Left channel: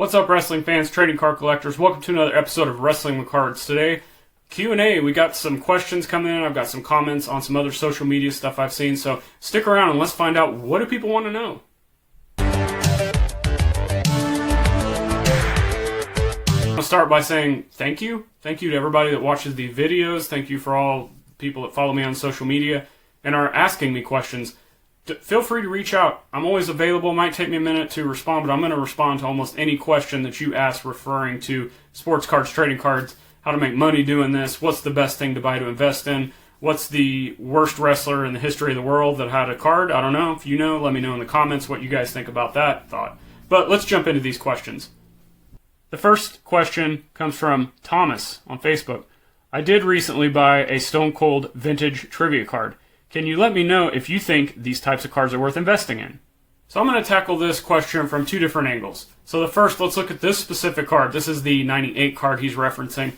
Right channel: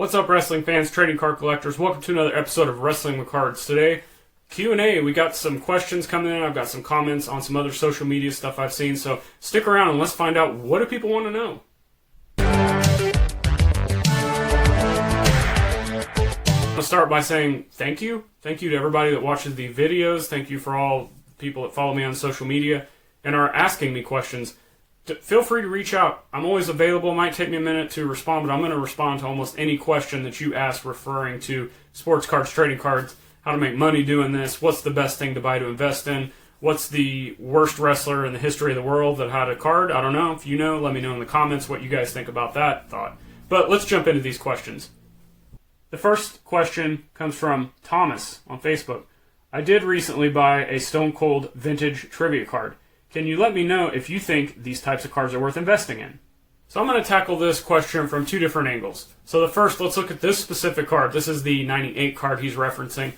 What's up, wrestling fans, trading card collectors? Welcome to another episode of Wrestling with Cards. Today, Q&A. We got some questions coming in. I've got some comments on some other social media stuff I've seen. So stick around and let's find out, what do people want to know? I'll start by saying thank you. Thank you to everybody that watches the videos. Thank you for all people that follow me on social media and are asking me questions. Feel free to reach out. I'm always available. It might take me a minute to respond, but I'm going to respond to almost any question that you ask referring to sports cards, trading cards, how to make money doing this, what's the best thing to buy to invest in, what's the worst wrestler in the history of the world that had a card. I don't know. If you know, let me know in the comments what you guys think about that thought. But let's jump into these questions. The first question comes from Thomas on Facebook. I did recently buy a Stone Cold vintage trivia card. Can you let me know if you think these types of cards are worth investing in? So I'm going to tackle this question from two different angles. So the first, let's look at this specific card. This is the 98 card he's referencing.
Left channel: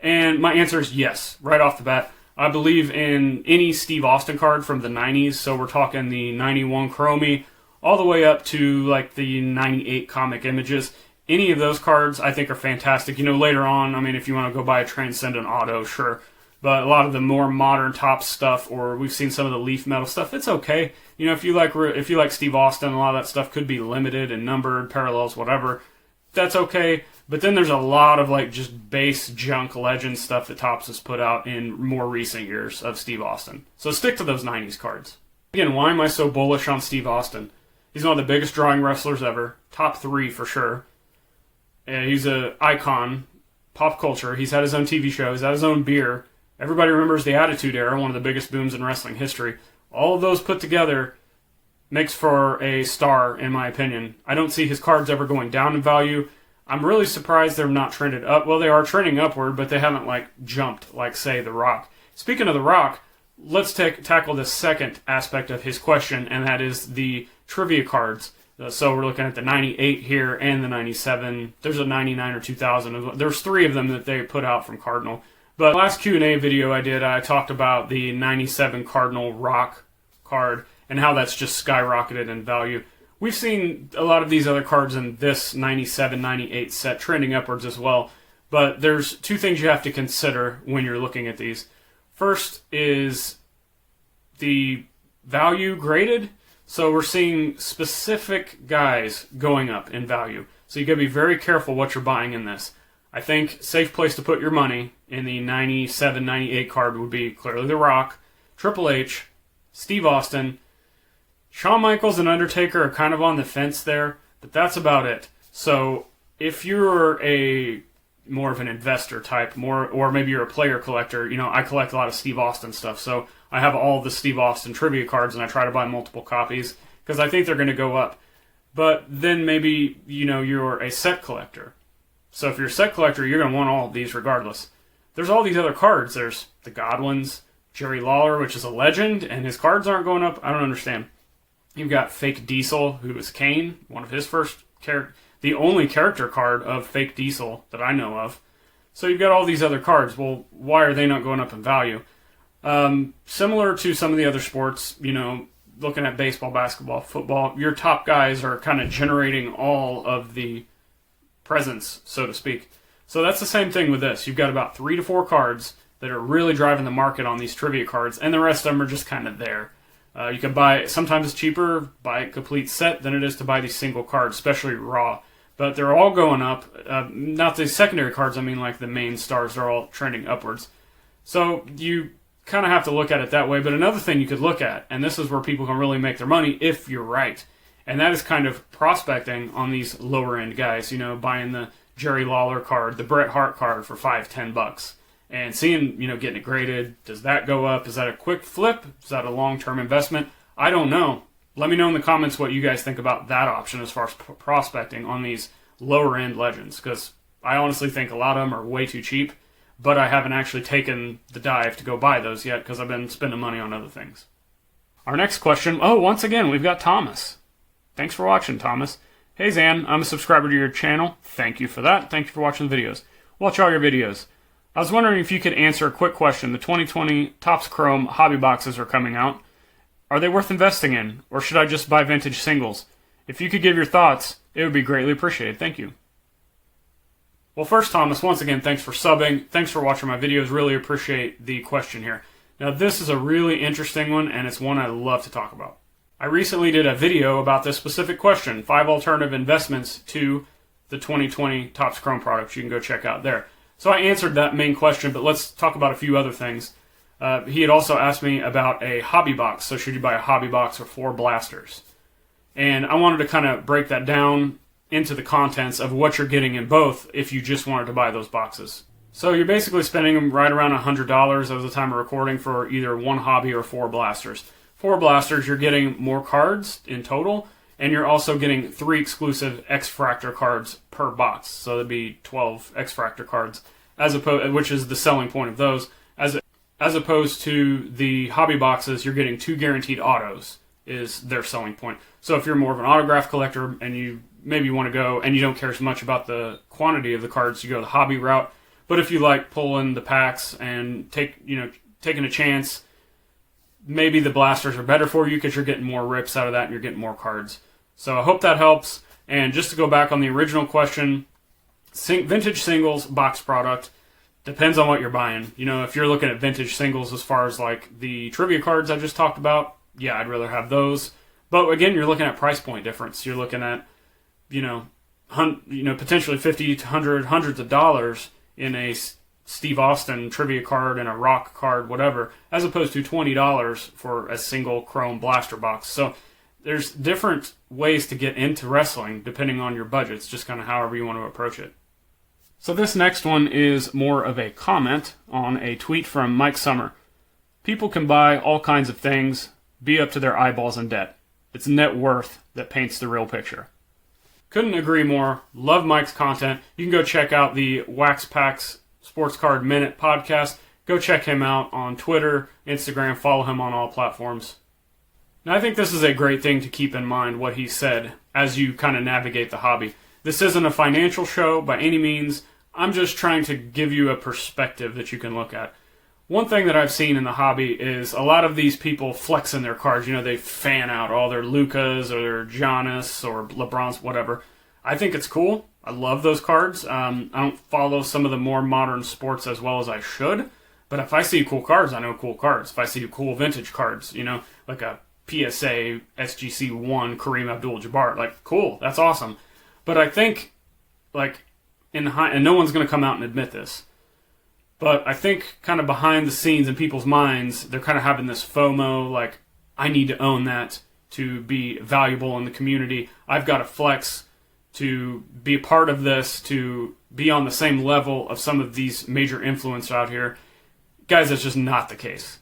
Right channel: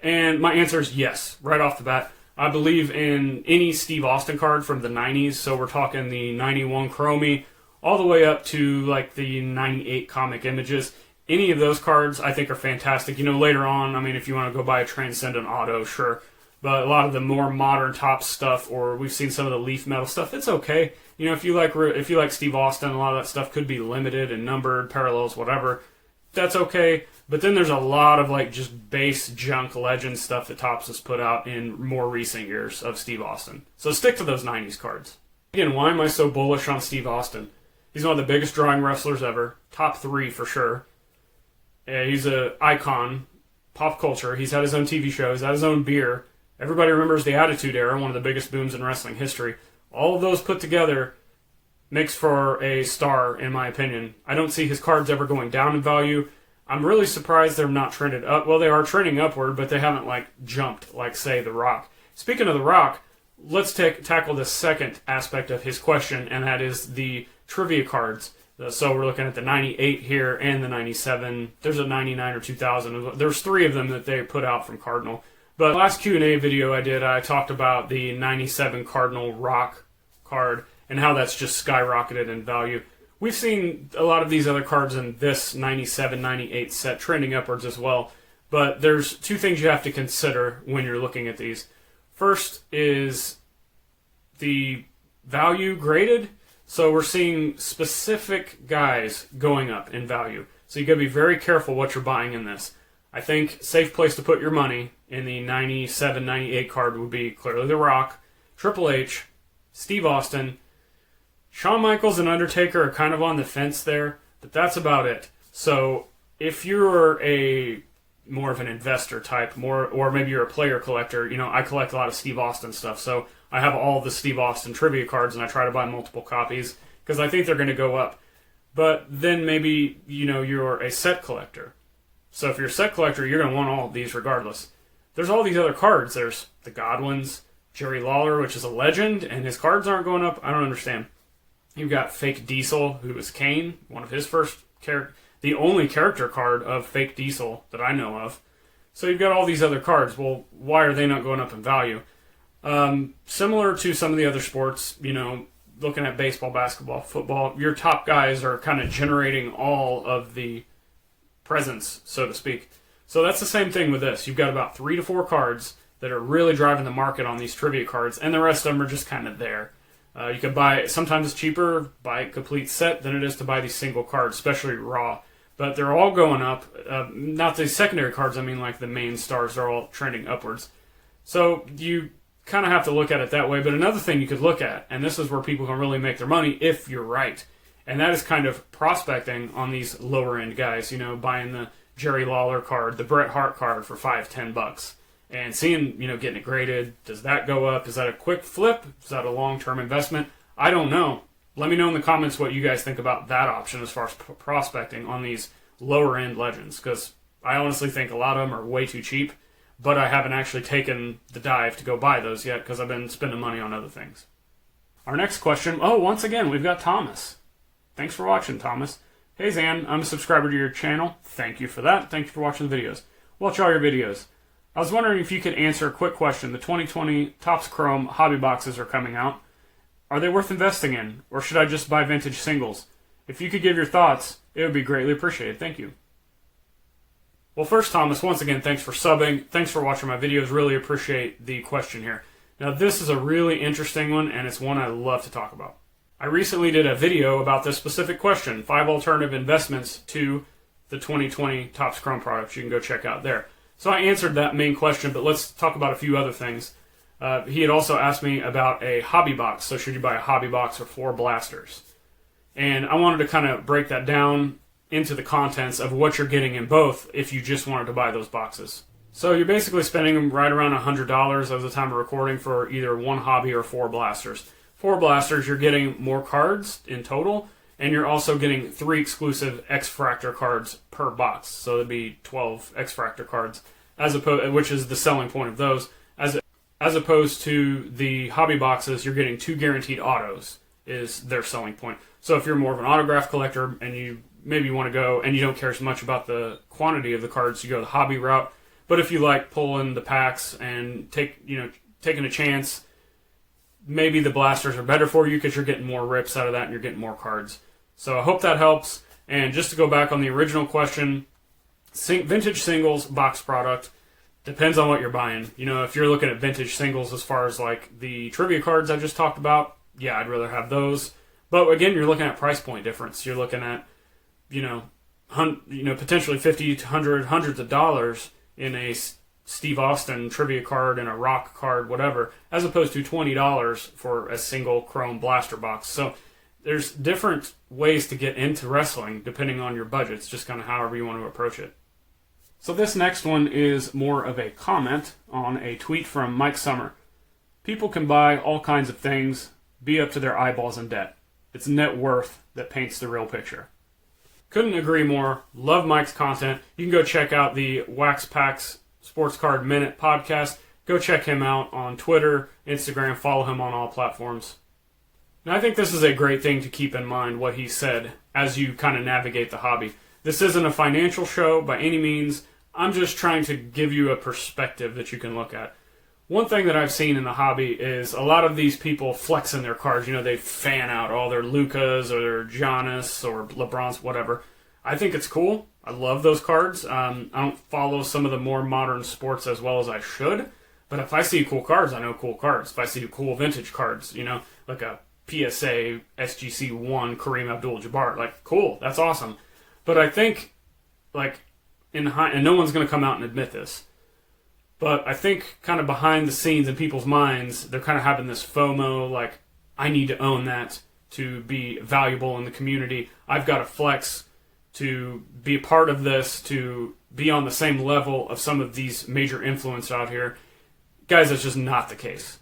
And my answer is yes, right off the bat. I believe in any Steve Austin card from the 90s. So we're talking the 91 Chromie all the way up to like the 98 comic images. Any of those cards I think are fantastic. You know, later on, I mean, if you want to go buy a Transcendent Auto, sure. But a lot of the more modern top stuff, or we've seen some of the leaf metal stuff, it's okay. You know, if you like Steve Austin, a lot of that stuff could be limited and numbered, parallels, whatever. That's okay. But then there's a lot of like just base junk legend stuff that Topps has put out in more recent years of Steve Austin. So stick to those 90s cards. Again, why am I so bullish on Steve Austin? He's one of the biggest drawing wrestlers ever. Top 3 for sure. He's an icon, pop culture. He's had his own TV show. He's had his own beer. Everybody remembers the Attitude Era, one of the biggest booms in wrestling history. All of those put together makes for a star, in my opinion. I don't see his cards ever going down in value. I'm really surprised they're not trended up. Well, they are trending upward, but they haven't like jumped like, say, The Rock. Speaking of The Rock, let's tackle the second aspect of his question, and that is the trivia cards. So we're looking at the 98 here and the 97. There's a 99 or 2000. There's 3 of them that they put out from Cardinal. But last Q&A video I did, I talked about the 97 Cardinal Rock card and how that's just skyrocketed in value. We've seen a lot of these other cards in this 97, 98 set trending upwards as well. But there's 2 things you have to consider when you're looking at these. First is the value graded. So we're seeing specific guys going up in value. So you got to be very careful what you're buying in this. I think safe place to put your money in the 97, 98 card would be clearly The Rock, Triple H, Steve Austin. Shawn Michaels and Undertaker are kind of on the fence there, but that's about it. So if you're a more of an investor type, or maybe you're a player collector, you know, I collect a lot of Steve Austin stuff, so I have all the Steve Austin trivia cards and I try to buy multiple copies because I think they're going to go up. But then maybe, you know, you're a set collector. So if you're a set collector, you're going to want all of these regardless. There's all these other cards. There's the Godwins, Jerry Lawler, which is a legend, and his cards aren't going up. I don't understand. You've got Fake Diesel, who is Kane, one of his first the only character card of Fake Diesel that I know of. So you've got all these other cards. Well, why are they not going up in value? Similar to some of the other sports, you know, looking at baseball, basketball, football, your top guys are kind of generating all of the presence, so to speak. So that's the same thing with this. You've got about 3 to 4 cards that are really driving the market on these trivia cards, and the rest of them are just kind of there. You can buy, sometimes it's cheaper, buy a complete set than it is to buy these single cards, especially raw. But they're all going up. Not the secondary cards, I mean like the main stars are all trending upwards. So you kind of have to look at it that way. But another thing you could look at, and this is where people can really make their money if you're right, and that is kind of prospecting on these lower end guys, you know, buying the Jerry Lawler card, the Bret Hart card for $5-10, and seeing, you know, getting it graded. Does that go up? Is that a quick flip? Is that a long-term investment? I don't know. Let me know in the comments what you guys think about that option as far as prospecting on these lower end legends, because I honestly think a lot of them are way too cheap, but I haven't actually taken the dive to go buy those yet because I've been spending money on other things. Our next question, once again, we've got Thomas. Thanks for watching, Thomas. Hey, Zhan, I'm a subscriber to your channel. Thank you for that. Thank you for watching the videos. Watch all your videos. I was wondering if you could answer a quick question. The 2020 Topps Chrome hobby boxes are coming out. Are they worth investing in, or should I just buy vintage singles? If you could give your thoughts, it would be greatly appreciated. Thank you. Well, first, Thomas, once again, thanks for subbing. Thanks for watching my videos. Really appreciate the question here. Now, this is a really interesting one, and it's one I love to talk about. I recently did a video about this specific question, 5 alternative investments to the 2020 Topps Chrome products. You can go check out there. So I answered that main question, but let's talk about a few other things. He had also asked me about a hobby box. So should you buy a hobby box or 4 blasters? And I wanted to kind of break that down into the contents of what you're getting in both if you just wanted to buy those boxes. So you're basically spending them right around $100 at the time of recording for either 1 hobby or 4 blasters. 4 blasters, you're getting more cards in total, and you're also getting 3 exclusive X-Fractor cards per box. So there'd be 12 X-Fractor cards, which is the selling point of those. As opposed to the hobby boxes, you're getting 2 guaranteed autos is their selling point. So if you're more of an autograph collector and you maybe want to go and you don't care as much about the quantity of the cards, you go the hobby route. But if you like pulling the packs and taking a chance, maybe the blasters are better for you because you're getting more rips out of that and you're getting more cards. So I hope that helps. And just to go back on the original question, vintage singles box product depends on what you're buying. You know, if you're looking at vintage singles as far as like the trivia cards I just talked about, yeah, I'd rather have those. But again, you're looking at price point difference. You're looking at, potentially 50 to 100, hundreds of dollars in a Steve Austin trivia card and a rock card, whatever, as opposed to $20 for a single chrome blaster box. So there's different ways to get into wrestling depending on your budget. It's just kind of however you want to approach it. So this next one is more of a comment on a tweet from Mike Summer. People can buy all kinds of things, be up to their eyeballs in debt. It's net worth that paints the real picture. Couldn't agree more. Love Mike's content. You can go check out the Wax Packs Sports Card Minute podcast. Go check him out on Twitter, Instagram. Follow him on all platforms. Now, I think this is a great thing to keep in mind, what he said, as you kind of navigate the hobby. This isn't a financial show by any means. I'm just trying to give you a perspective that you can look at. One thing that I've seen in the hobby is a lot of these people flexing their cards. You know, they fan out all their Lucas or their Giannis or LeBrons, whatever. I think it's cool. I love those cards. I don't follow some of the more modern sports as well as I should. But if I see cool cards, I know cool cards. If I see cool vintage cards, like a PSA SGC1 Kareem Abdul-Jabbar, like, cool, that's awesome. But I think, and no one's going to come out and admit this, but I think kind of behind the scenes in people's minds, they're kind of having this FOMO, like, I need to own that to be valuable in the community. I've got to flex to be a part of this, to be on the same level of some of these major influencers out here. Guys, that's just not the case.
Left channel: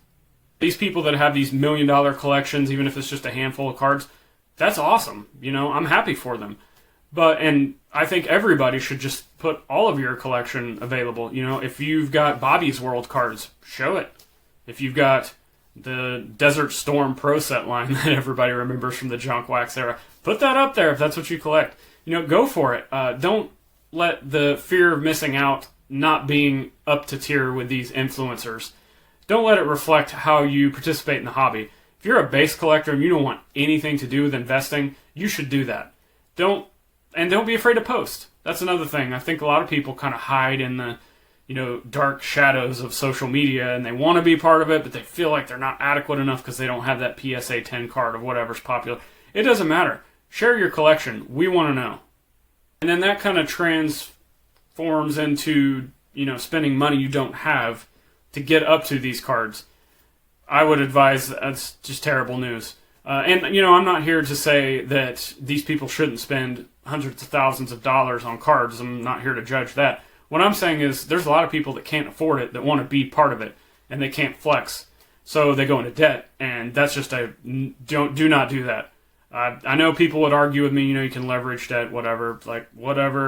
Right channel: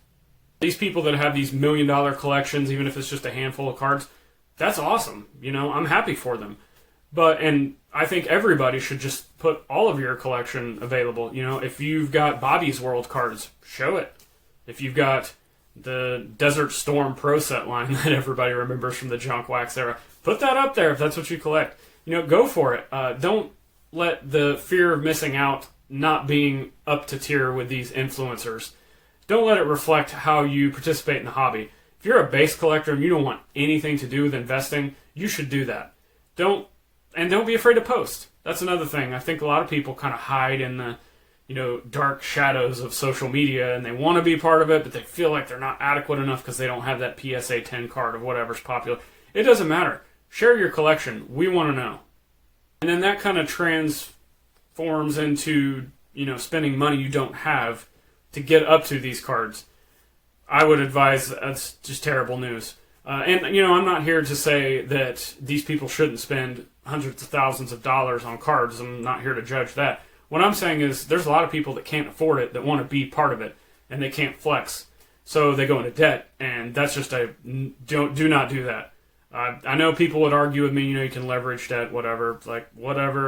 These people that have these $1 million collections, even if it's just a handful of cards, that's awesome. I'm happy for them. And I think everybody should just put all of your collection available. If you've got Bobby's World cards, show it. If you've got the Desert Storm Pro Set line that everybody remembers from the Junk Wax era, put that up there if that's what you collect. Go for it. Don't let the fear of missing out, not being up to tier with these influencers, don't let it reflect how you participate in the hobby. If you're a base collector and you don't want anything to do with investing, you should do that. Don't be afraid to post. That's another thing. I think a lot of people kind of hide in the, dark shadows of social media, and they want to be part of it, but they feel like they're not adequate enough because they don't have that PSA 10 card of whatever's popular. It doesn't matter. Share your collection. We want to know. And then that kind of transforms into, spending money you don't have to get up to these cards. I would advise that's just terrible news. I'm not here to say that these people shouldn't spend hundreds of thousands of dollars on cards. I'm not here to judge that. What I'm saying is there's a lot of people that can't afford it, that want to be part of it, and they can't flex. So they go into debt, and that's just do not do that. I know people would argue with me, you can leverage debt, whatever,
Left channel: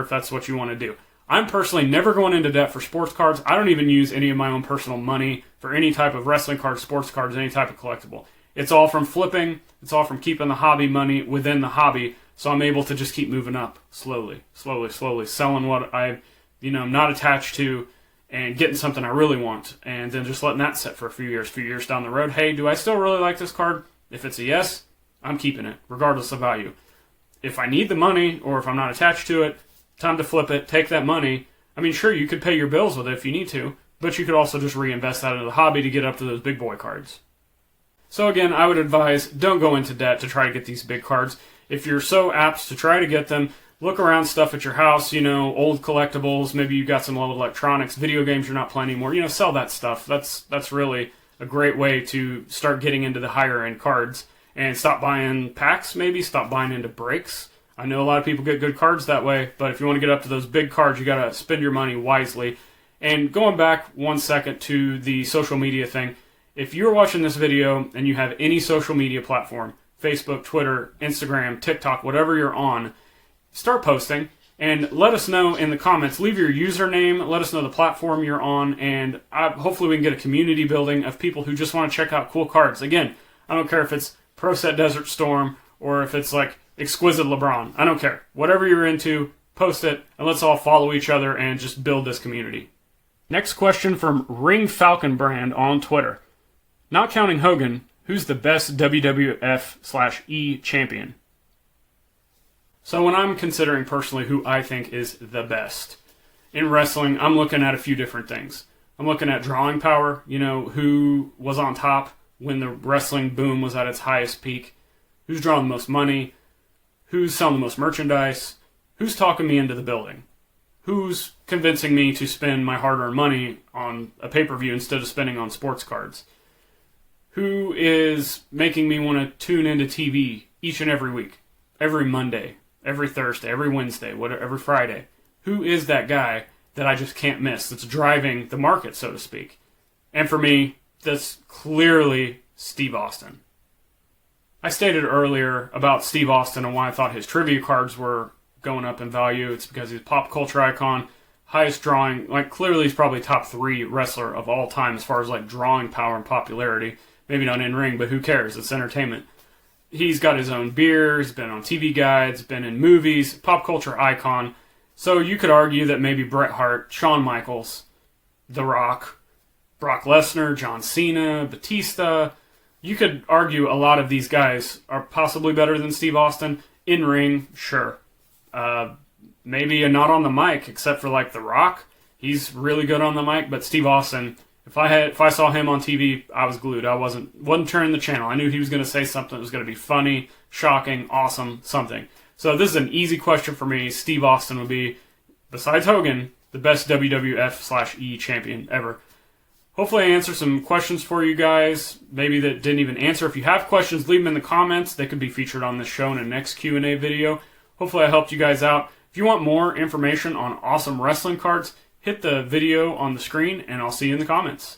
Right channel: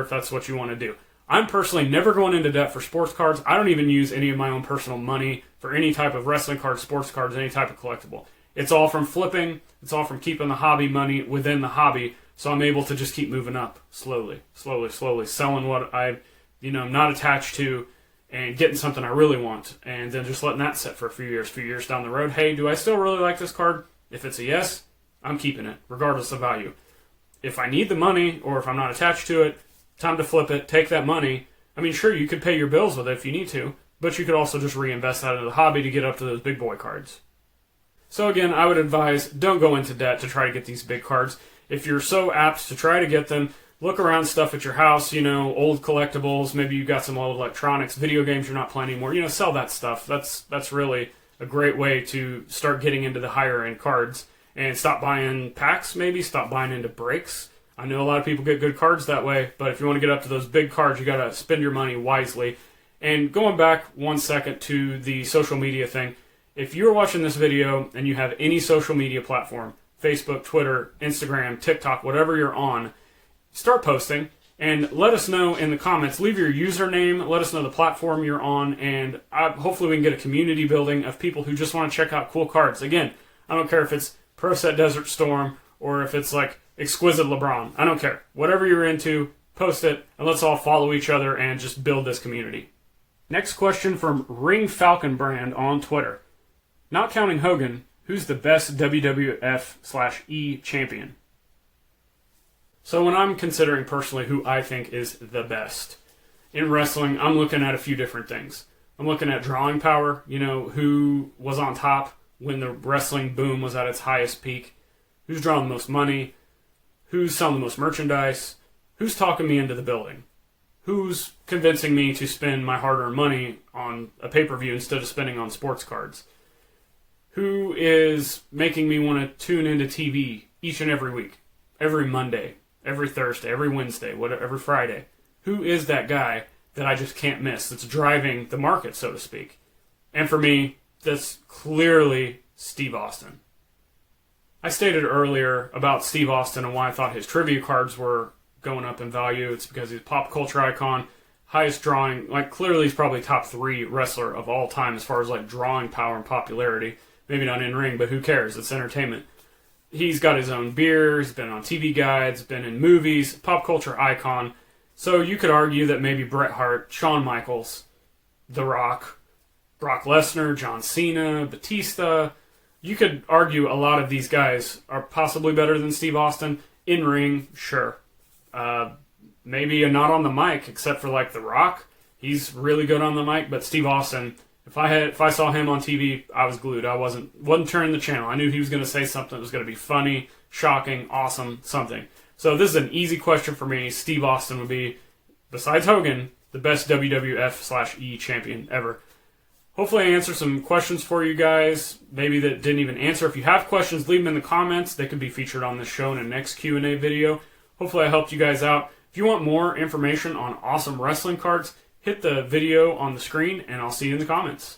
if that's what you want to do. I'm personally never going into debt for sports cards. I don't even use any of my own personal money for any type of wrestling cards, sports cards, any type of collectible. It's all from flipping. It's all from keeping the hobby money within the hobby. So I'm able to just keep moving up slowly, selling what I'm not attached to and getting something I really want. And then just letting that sit for a few years down the road. Hey, do I still really like this card? If it's a yes, I'm keeping it, regardless of value. If I need the money or if I'm not attached to it, time to flip it, take that money, I mean, sure, you could pay your bills with it if you need to, but you could also just reinvest that into the hobby to get up to those big boy cards. So again, I would advise don't go into debt to try to get these big cards. If you're so apt to try to get them, look around stuff at your house, old collectibles, maybe you've got some old electronics, video games you're not playing anymore, sell that stuff. That's really a great way to start getting into the higher end cards and stop buying packs, maybe stop buying into breaks. I know a lot of people get good cards that way, but if you want to get up to those big cards, you got to spend your money wisely. And going back 1 second to the social media thing, if you're watching this video and you have any social media platform, Facebook, Twitter, Instagram, TikTok, whatever you're on, start posting and let us know in the comments. Leave your username, let us know the platform you're on, and hopefully we can get a community building of people who just want to check out cool cards. Again, I don't care if it's Pro Set Desert Storm or if it's like Exquisite LeBron. I don't care. Whatever you're into, post it, and let's all follow each other and just build this community. Next question from Ring Falcon Brand on Twitter. Not counting Hogan, who's the best WWF/E champion? So when I'm considering personally who I think is the best in wrestling, I'm looking at a few different things. I'm looking at drawing power, who was on top when the wrestling boom was at its highest peak, who's drawing the most money, who's selling the most merchandise, who's talking me into the building, who's convincing me to spend my hard-earned money on a pay-per-view instead of spending on sports cards, who is making me want to tune into TV each and every week, every Monday, every Thursday, every Wednesday, every Friday. Who is that guy that I just can't miss, that's driving the market, so to speak? And for me, that's clearly Steve Austin. I stated earlier about Steve Austin and why I thought his trivia cards were going up in value. It's because he's a pop culture icon, highest drawing, clearly he's probably top 3 wrestler of all time as far as drawing power and popularity. Maybe not in ring, but who cares? It's entertainment. He's got his own beer, he's been on TV guides, been in movies, pop culture icon. So you could argue that maybe Bret Hart, Shawn Michaels, The Rock, Brock Lesnar, John Cena, Batista, you could argue a lot of these guys are possibly better than Steve Austin. In ring, sure. Maybe not on the mic, except for The Rock. He's really good on the mic, but Steve Austin, if I saw him on TV, I was glued. I wasn't turning the channel. I knew he was going to say something that was going to be funny, shocking, awesome, something. So this is an easy question for me. Steve Austin would be, besides Hogan, the best WWF/E champion ever. Hopefully I answered some questions for you guys, maybe that didn't even answer. If you have questions, leave them in the comments. They could be featured on this show in a next Q&A video. Hopefully I helped you guys out. If you want more information on awesome wrestling cards, hit the video on the screen, and I'll see you in the comments.